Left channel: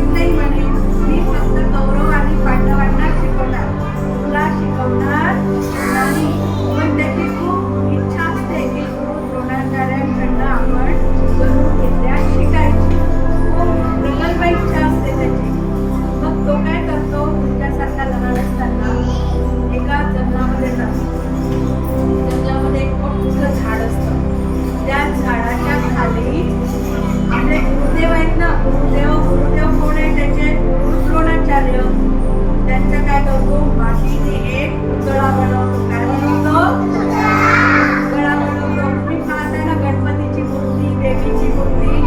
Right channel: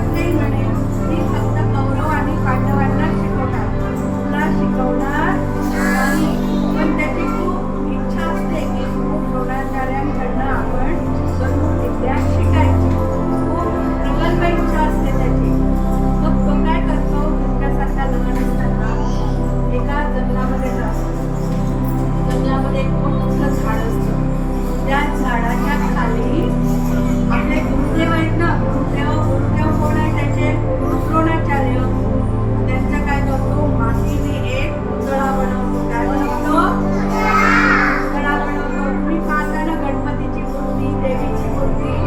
शिकत नाही म्हणे, मी फक्त कौरव आणि पांडवांना शिकवणार, तुला शिकवणार नाही. पण त्याची खूप इच्छा असते की गुरु द्रोणाचार्यांकडनं आपण धनुर्विद्या शिकायची. खूप प्रगल्भ इच्छा असते त्याची. मग तो काय करतो, तुमच्यासारखा लहान असताना एका जंगलामध्ये जातो. जंगलामध्ये एक मोठं झाड असतं. त्या झाडाच्या खाली आपले गुरुदेव आहेत ना, गुरुदेव कोण आहे त्याचे? गुरु द्रोणाचार्य. त्यांचं काय करतो, मातीने एक पुतळा बनवतो. काय बनवतो? पुतळा बनवतो. तुम्ही पाहता ना गणपतीची मूर्ती, देवीची मूर्ती